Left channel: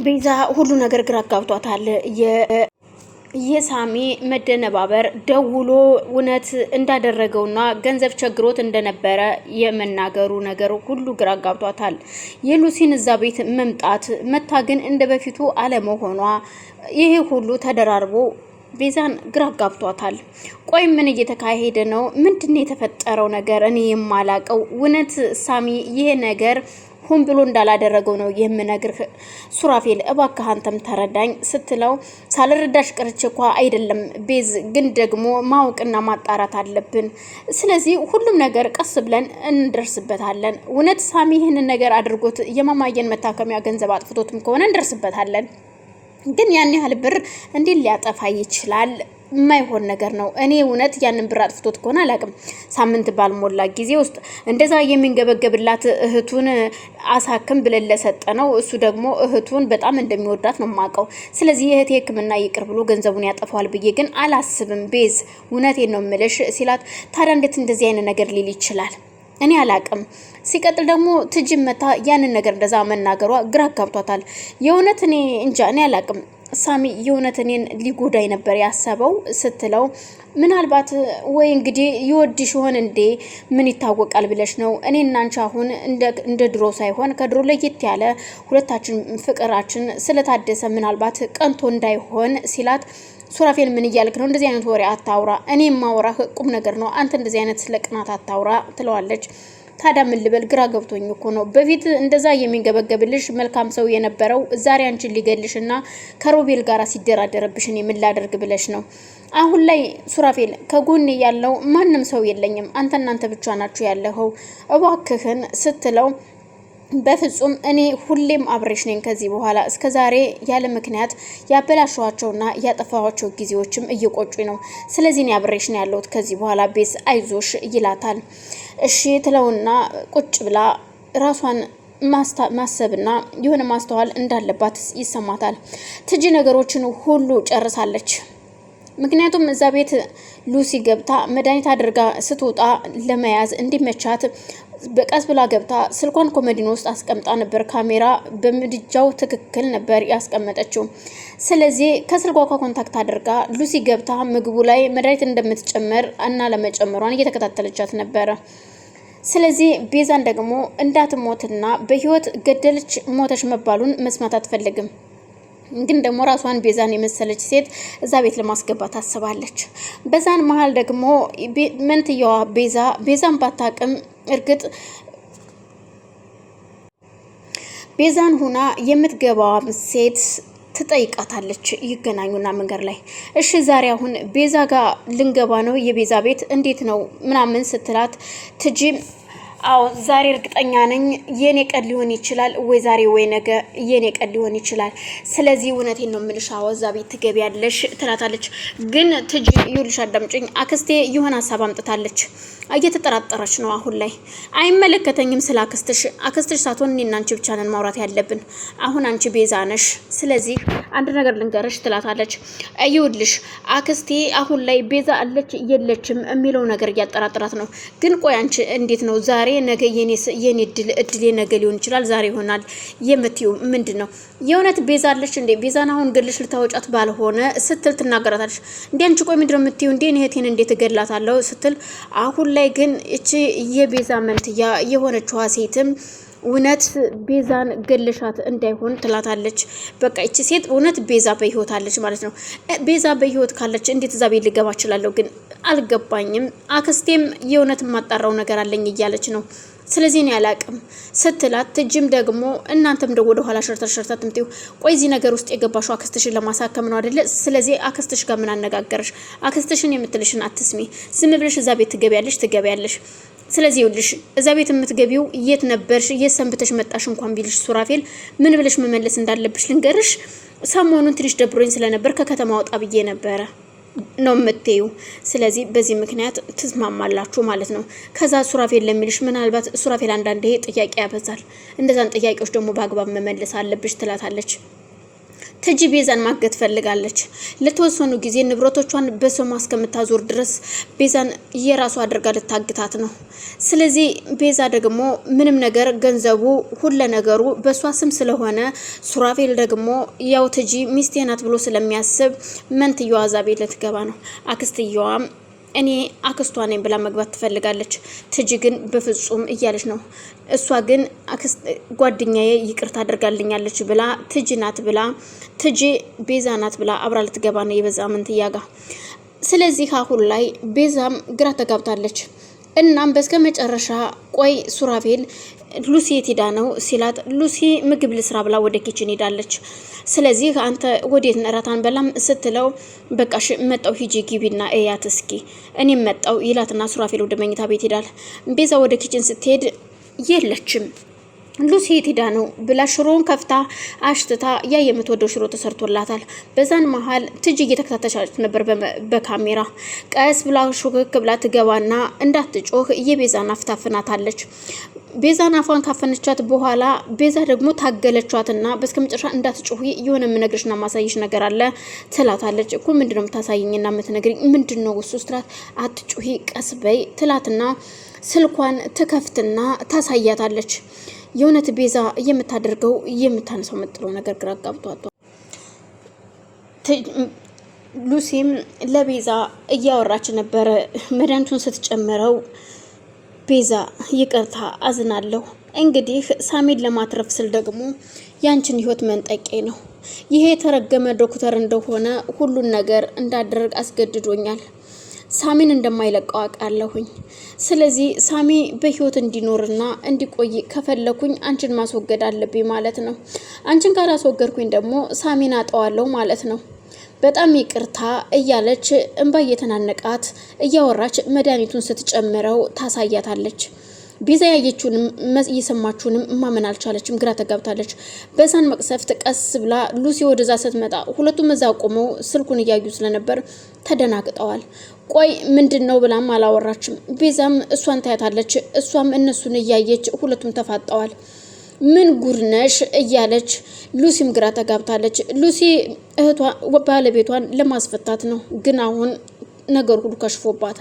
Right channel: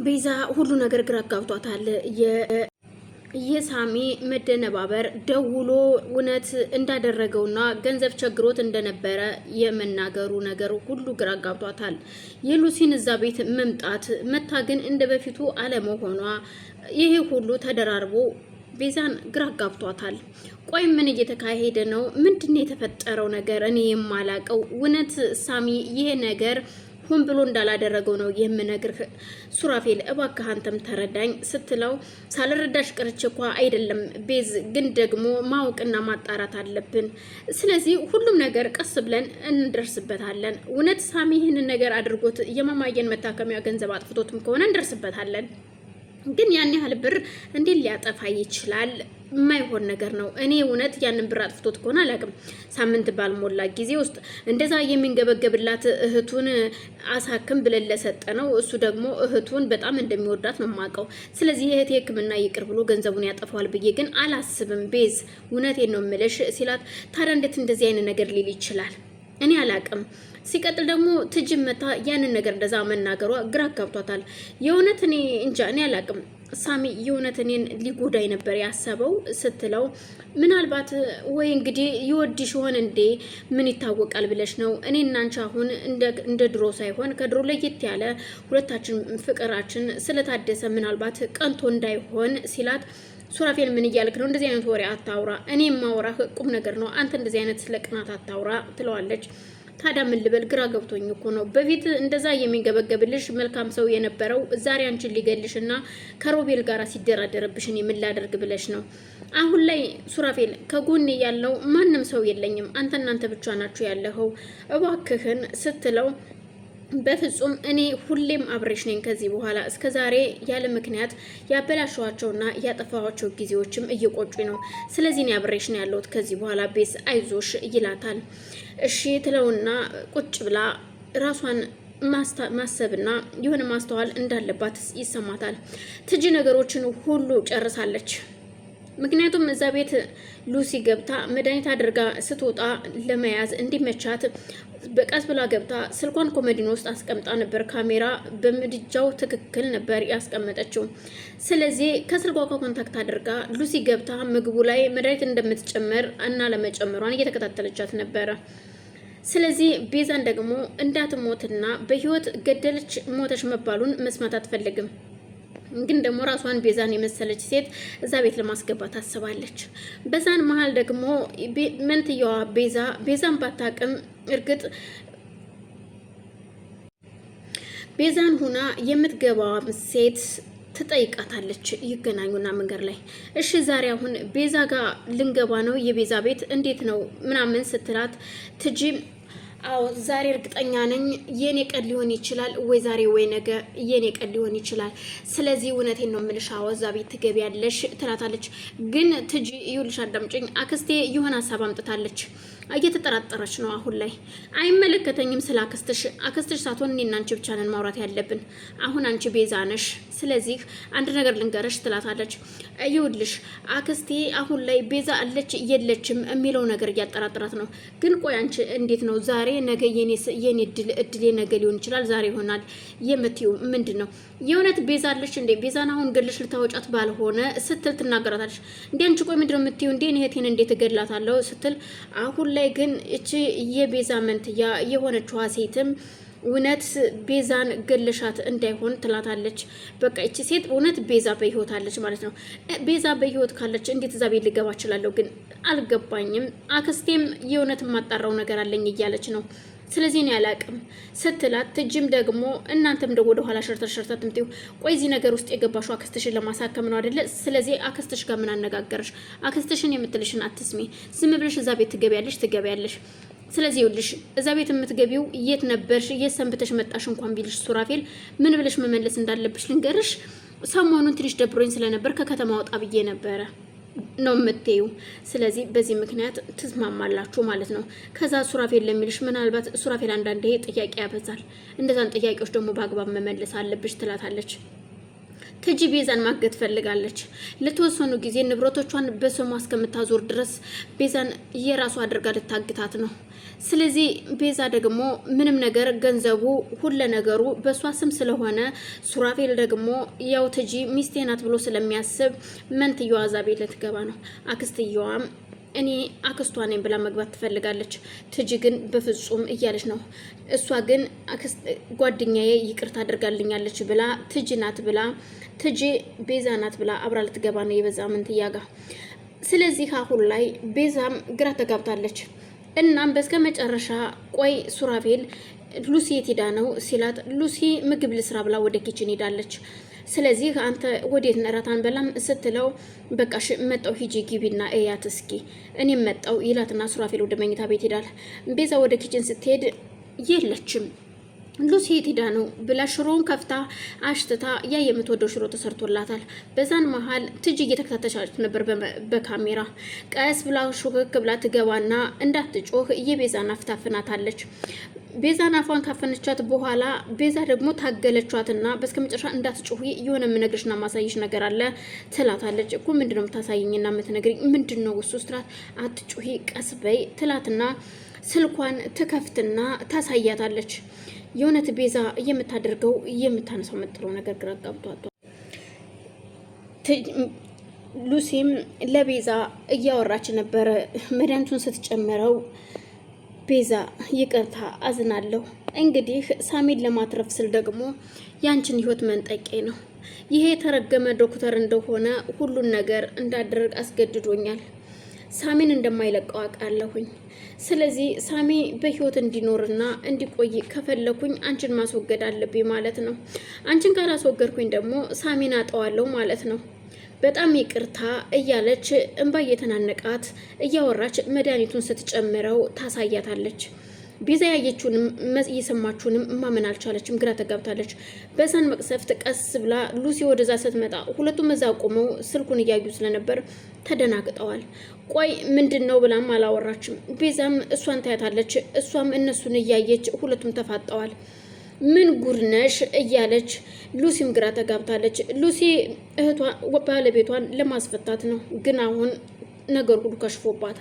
ቤዛ ሁሉ ነገር ግራ አጋብቷታል። የሳሚ መደነባበር ደውሎ እውነት እንዳደረገውና ገንዘብ ቸግሮት እንደነበረ የመናገሩ ነገር ሁሉ ግራ አጋብቷታል። የሉሲን እዛ ቤት መምጣት መታ ግን እንደ በፊቱ አለመሆኗ ይሄ ሁሉ ተደራርቦ ቤዛን ግራ አጋብቷታል። ቆይ ምን እየተካሄደ ነው? ምንድነው የተፈጠረው ነገር? እኔ የማላቀው እውነት ሳሚ ይሄ ነገር ሁን ብሎ እንዳላደረገው ነው የምነግርህ። ሱራፌል እባክህ አንተም ተረዳኝ ስትለው ሳልረዳሽ ቅርቼ እኮ አይደለም ቤዝ፣ ግን ደግሞ ማወቅና ማጣራት አለብን። ስለዚህ ሁሉም ነገር ቀስ ብለን እንደርስበታለን። እውነት ሳሚ ይህንን ነገር አድርጎት የማማየን መታከሚያ ገንዘብ አጥፍቶትም ከሆነ እንደርስበታለን። ግን ያን ያህል ብር እንዴት ሊያጠፋ ይችላል? የማይሆን ነገር ነው። እኔ እውነት ያንን ብር አጥፍቶት ከሆነ አላውቅም። ሳምንት ባልሞላ ጊዜ ውስጥ እንደዛ የሚንገበገብላት እህቱን አሳክም ብለን ለሰጠ ነው። እሱ ደግሞ እህቱን በጣም እንደሚወዳት ነው የማውቀው። ስለዚህ የእህቴ ሕክምና ይቅር ብሎ ገንዘቡን ያጠፋዋል ብዬ ግን አላስብም። ቤዝ እውነቴን ነው የምልሽ ሲላት፣ ታዲያ እንዴት እንደዚህ አይነት ነገር ሊል ይችላል? እኔ አላቅም። ሲቀጥል ደግሞ ትጅም መታ ያንን ነገር እንደዛ መናገሯ ግራ አጋብቷታል። የእውነት እኔ እንጃ፣ እኔ አላቅም። ሳሚ የእውነት እኔን ሊጎዳኝ ነበር ያሰበው ስትለው፣ ምናልባት ወይ እንግዲህ ይወድሽ ይሆን እንዴ? ምን ይታወቃል ብለሽ ነው? እኔ እና አንቺ አሁን እንደ ድሮ ሳይሆን ከድሮ ለየት ያለ ሁለታችን ፍቅራችን ስለታደሰ ምናልባት ቀንቶ እንዳይሆን ሲላት፣ ሱራፌል ምን እያልክ ነው? እንደዚህ አይነት ወሬ አታውራ። እኔ ማውራህ ቁም ነገር ነው። አንተ እንደዚህ አይነት ስለ ቅናት አታውራ ትለዋለች። ታዲያ ምን ልበል? ግራ ገብቶኝ እኮ ነው። በፊት እንደዛ የሚንገበገብልሽ መልካም ሰው የነበረው ዛሬ አንቺን ሊገልሽና ከሮቤል ጋር ሲደራደርብሽ እኔ ምን ላደርግ ብለሽ ነው? አሁን ላይ ሱራፌል ከጎኔ ያለው ማንም ሰው የለኝም። እናንተ ብቻ ናችሁ ያለኸው፣ እባክህን ስትለው፣ በፍጹም እኔ ሁሌም አብሬሽ ነኝ ከዚህ በኋላ። እስከ ዛሬ ያለ ምክንያት ያበላሸዋቸውና ያጠፋዋቸው ጊዜዎችም እየቆጩኝ ነው። ስለዚህ እኔ አብሬሽ ነው ያለሁት ከዚህ በኋላ ቤዝ አይዞሽ ይላታል። እሺ ትለውና ቁጭ ብላ ራሷን ማሰብና የሆነ ማስተዋል እንዳለባት ይሰማታል። ትጂ ነገሮችን ሁሉ ጨርሳለች። ምክንያቱም እዛ ቤት ሉሲ ገብታ መድኃኒት አድርጋ ስትወጣ ለመያዝ እንዲመቻት በቀስ ብላ ገብታ ስልኳን ኮመዲኖ ውስጥ አስቀምጣ ነበር። ካሜራ በምድጃው ትክክል ነበር ያስቀመጠችው። ስለዚህ ከስልኳ ኮንታክት አድርጋ ሉሲ ገብታ ምግቡ ላይ መድኃኒት እንደምትጨምር እና ለመጨመሯን እየተከታተለቻት ነበረ። ስለዚህ ቤዛን ደግሞ እንዳትሞትና በህይወት ገደለች ሞተች መባሉን መስማት አትፈልግም። ግን ደግሞ ራሷን ቤዛን የመሰለች ሴት እዛ ቤት ለማስገባት ታስባለች። በዛን መሀል ደግሞ መንትያዋ ቤዛን ባታቅም እርግጥ ቤዛን ሁና የምትገባዋ ሴት ትጠይቃታለች። ይገናኙና መንገድ ላይ እሺ ዛሬ አሁን ቤዛ ጋር ልንገባ ነው፣ የቤዛ ቤት እንዴት ነው ምናምን ስትላት፣ ትጂ አዎ ዛሬ እርግጠኛ ነኝ የኔ ቀን ሊሆን ይችላል፣ ወይ ዛሬ ወይ ነገ የኔ ቀን ሊሆን ይችላል። ስለዚህ እውነቴን ነው የምልሽ፣ አዎ እዛ ቤት ትገቢያለሽ ትላታለች። ግን ትጂ ይኸውልሽ አዳምጪኝ፣ አክስቴ የሆነ ሀሳብ አምጥታለች። እየተጠራጠረች ነው አሁን ላይ። አይመለከተኝም ስለ አክስትሽ ሳትሆን እኔና አንቺ ብቻ ነን ማውራት ያለብን። አሁን አንቺ ቤዛ ነሽ፣ ስለዚህ አንድ ነገር ልንገርሽ ትላታለች። ይኸውልሽ አክስቴ አሁን ላይ ቤዛ አለች የለችም የሚለው ነገር እያጠራጠራት ነው። ግን ቆይ አንቺ እንዴት ነው ዛሬ ነገ የኔ እድሌ ነገ ሊሆን ይችላል ዛሬ ይሆናል የምትይው ምንድን ነው? የእውነት ቤዛ አለች እንዴ? ቤዛን አሁን ገድልሽ ልታወጫት ባልሆነ ስትል ትናገራታለች። እንዴ አንቺ ቆይ ምንድን ነው የምትይው? እንዴ እህቴን እንዴት እገድላታለሁ ስትል፣ አሁን ላይ ግን እቺ የቤዛ መንትያ የሆነችዋ ሴትም እውነት ቤዛን ገለሻት እንዳይሆን ትላታለች። በቃ እቺ ሴት እውነት ቤዛ በህይወት አለች ማለት ነው። ቤዛ በህይወት ካለች እንዴት እዛ ቤት ልገባ እችላለሁ? ግን አልገባኝም። አክስቴም የእውነት የማጣራው ነገር አለኝ እያለች ነው። ስለዚህ እኔ አላቅም ስትላት፣ ትጅም ደግሞ እናንተም ደግሞ ወደ ኋላ ሸርተር ትምጪው። ቆይ እዚህ ነገር ውስጥ የገባሽው አክስትሽን ለማሳከም ነው አይደለ? ስለዚህ አክስትሽ ጋር ምን አነጋገረሽ? አክስትሽን የምትልሽን አትስሚ። ዝም ብለሽ እዛ ቤት ትገቢያለሽ። ስለዚህ ይኸውልሽ እዛ ቤት የምትገቢው የት ነበርሽ፣ የት ሰንብተሽ መጣሽ እንኳን ቢልሽ ሱራፌል ምን ብለሽ መመለስ እንዳለብሽ ልንገርሽ። ሰሞኑን ትንሽ ደብሮኝ ስለነበር ከከተማ ወጣ ብዬ ነበረ ነው የምትዩ። ስለዚህ በዚህ ምክንያት ትስማማላችሁ ማለት ነው። ከዛ ሱራፌል ለሚልሽ ምናልባት ሱራፌል አንዳንዴ ጥያቄ ያበዛል፣ እንደዛን ጥያቄዎች ደግሞ በአግባብ መመለስ አለብሽ ትላታለች። ትጂ ቤዛን ማገት ፈልጋለች። ለተወሰኑ ጊዜ ንብረቶቿን በስሟ እስከምታዞር ድረስ ቤዛን የራሷ አድርጋ ልታግታት ነው። ስለዚህ ቤዛ ደግሞ ምንም ነገር ገንዘቡ ሁለ ነገሩ በሷ ስም ስለሆነ ሱራፌል ደግሞ ያው ትጂ ሚስቴ ናት ብሎ ስለሚያስብ መንትየዋ እዛ ቤት ልትገባ ነው። አክስትየዋም እኔ አክስቷ ነኝ ብላ መግባት ትፈልጋለች። ትጂ ግን በፍጹም እያለች ነው። እሷ ግን ጓደኛዬ ይቅርታ አድርጋልኛለች ብላ ትጂ ናት ብላ ትጂ ቤዛ ናት ብላ አብራ ልትገባ ነው የበዛ መንትያ ጋር። ስለዚህ አሁን ላይ ቤዛም ግራ ተጋብታለች። እናም በስከ መጨረሻ ቆይ ሱራፌል ሉሲ የት ሄዳ ነው ሲላት ሉሲ ምግብ ልስራ ብላ ወደ ኪችን ሄዳለች። ስለዚህ አንተ ወዴት ነራታን በላም ስትለው በቃሽ መጣው ሂጂ ግቢና እያት እስኪ እኔም መጣው ይላትና ሱራፌል ወደ መኝታ ቤት ሄዳል። ቤዛ ወደ ኪችን ስትሄድ የለችም። ሉሲ የት ሄዳ ነው ብላ ሽሮውን ከፍታ አሽትታ ያ የምትወደው ሽሮ ተሰርቶላታል። በዛን መሀል ትጂ እየተከታተለች ነበር በካሜራ። ቀስ ብላ ሹክክ ብላ ትገባና እንዳትጮህ የቤዛን አፍ ታፍናታለች። ቤዛን አፏን ካፈነቻት በኋላ ቤዛ ደግሞ ታገለቻትና በስከመጨረሻ እንዳትጮህ የሆነ የምነግርሽና ማሳይሽ ነገር አለ ትላታለች። እኮ ምንድነው የምታሳይኝና የምትነግሪኝ ምንድነው እሱ ስትላት አትጮሂ ቀስ በይ ትላትና ስልኳን ትከፍትና ታሳያታለች። የእውነት ቤዛ የምታደርገው የምታነሳው የምትለው ነገር ግራ ጋብቷታል። ሉሲም ለቤዛ እያወራች ነበረ መድኃኒቱን ስትጨምረው ቤዛ ይቅርታ አዝናለሁ፣ እንግዲህ ሳሚን ለማትረፍ ስል ደግሞ ያንቺን ህይወት መንጠቄ ነው። ይሄ የተረገመ ዶክተር እንደሆነ ሁሉን ነገር እንዳደረግ አስገድዶኛል። ሳሚን እንደማይለቀው አውቃለሁኝ። ስለዚህ ሳሚ በህይወት እንዲኖርና እንዲቆይ ከፈለኩኝ አንቺን ማስወገድ አለብኝ ማለት ነው። አንቺን ካላስወገድኩኝ ደግሞ ሳሚን አጠዋለሁ ማለት ነው። በጣም ይቅርታ እያለች እንባ እየተናነቃት እያወራች መድኃኒቱን ስትጨምረው ታሳያታለች። ቤዛ ያየችውንም እየሰማችውንም ማመን አልቻለችም፣ ግራ ተጋብታለች። በዛን መቅሰፍት ቀስ ብላ ሉሲ ወደዛ ስትመጣ ሁለቱም እዛ ቆመው ስልኩን እያዩ ስለነበር ተደናግጠዋል። ቆይ ምንድነው ብላም አላወራችም። ቤዛም እሷን ታያታለች፣ እሷም እነሱን እያየች ሁለቱም ተፋጠዋል። ምን ጉርነሽ እያለች ሉሲም ግራ ተጋብታለች። ሉሲ እህቷ ባለቤቷን ለማስፈታት ነው፣ ግን አሁን ነገር ሁሉ ከሽፎባት